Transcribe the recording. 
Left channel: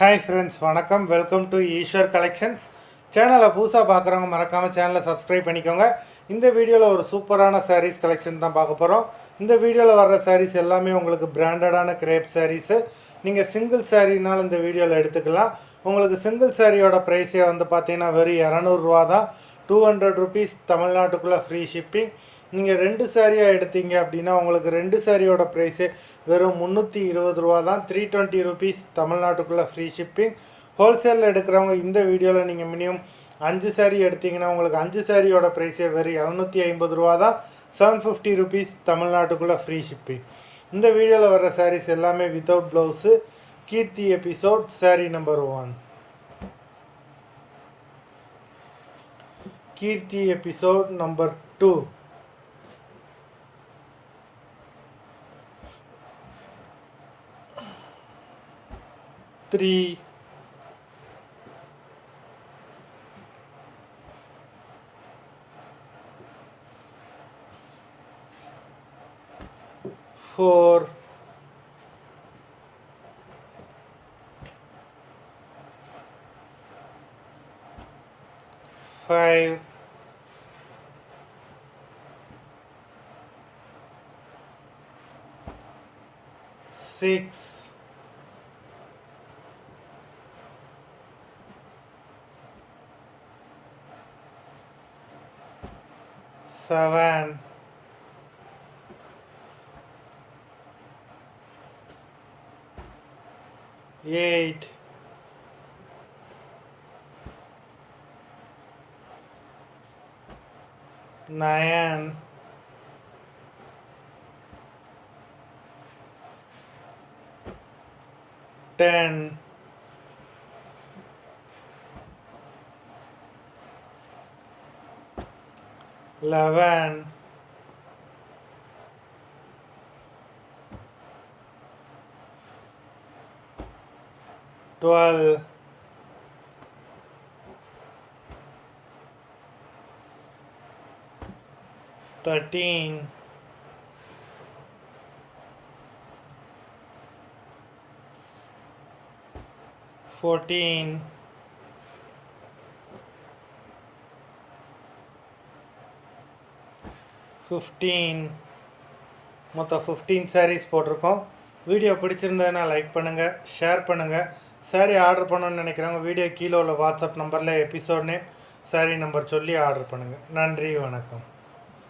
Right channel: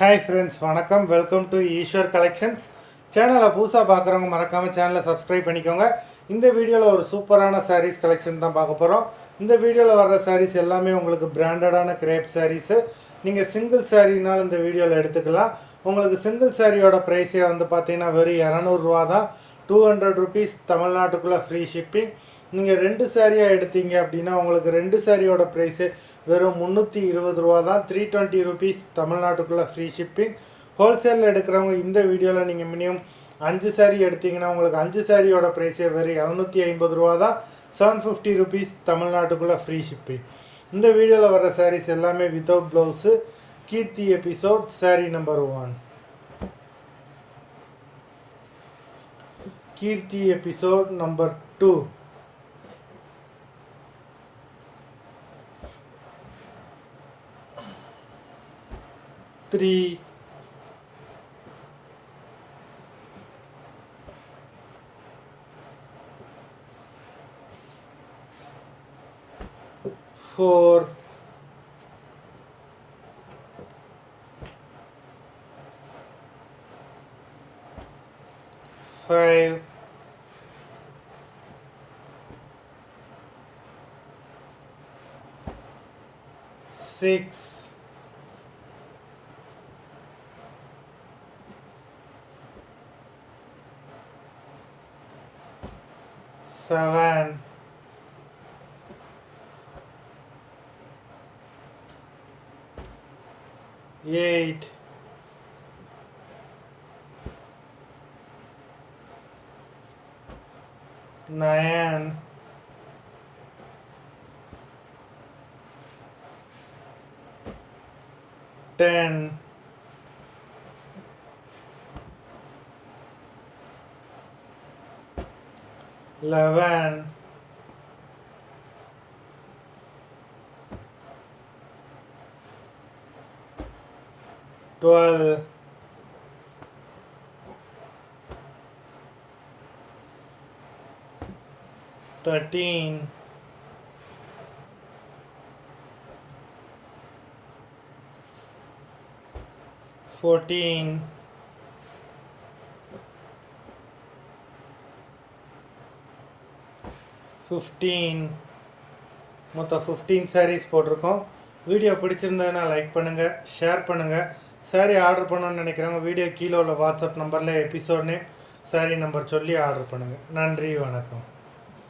Hi friends, வணக்கம். Welcome to Eswar collections. சேனலை புதுசாக பார்க்குறவங்க மறக்காமல் சேனலை சப்ஸ்கிரைப் பண்ணிக்கோங்க. இந்த வீடியோவில் ஒரு சூப்பரான சாரீஸ் கலெக்ஷன் தான் பார்க்க போகிறோம். இந்த வீடியோவில் வர்ற சாரீஸ் எல்லாமே உங்களுக்கு பிராண்டடான கிரேப் சாரீஸு. நீங்கள் சிங்கிள் சாரீனாலும் இந்த வீடியோவில் எடுத்துக்கலாம். உங்களுக்கு சிங்கிள் சாரியோட ப்ரைஸே வந்து பார்த்தீங்கன்னா வெறும் 200 தான். 200 ருபீஸ் தமிழ்நாட்டுக்குள்ளே ஃப்ரீ ஷிப்பிங். நீங்கள் 2 சாரியாக எடுத்தீங்க அப்படின்னா உங்களுக்கு 2 சாரியோட ப்ரைஸு வெறும் 320 தான். 320 ருபீஸ் தமிழ்நாட்டுக்குள்ளே ஃப்ரீ ஷிப்பிங். ஹோல்சேலில் எடுக்கிறவங்க இந்த வீடியோவில் நீங்கள் மினிமம் 5 சாரீ எடுத்திங்கன்னா உங்களுக்கு 5 சாரியோட ப்ரைஸே வெறும் 750 தான். 750 ருபீஸ் தமிழ்நாட்டுக்குள்ளே ஃப்ரீ ஷிப்பிங். இந்த வீடியோவில் வர்ற சாரீஸ் எல்லாமே வித்தவுட் ப்ளவுஸு. கீர்த்தி எபிசோட் சாரீ நம்பர் 1. கீர்த்தி எபிசோட் நம்பர் 2. Three, 4, 5, 6, 7, 8, 9, 10, 11, 12, 13, 14, 15. மொத்தம் 15 சாரீஸ் போட்டிருக்கோம். வீடியோ பிடிச்சிருந்ததுன்னா லைக் பண்ணுங்கள், ஷேர் பண்ணுங்கள். சாரீ ஆர்டர் பண்ணணும்னு நினைக்கிறவங்க வீடியோ கீழே உள்ள வாட்ஸ்அப் நம்பரில் எபிசோட் நேம், சாரீ நம்பர் சொல்லி ஆர்டர் பண்ணுங்கள். நன்றி, வணக்கம்.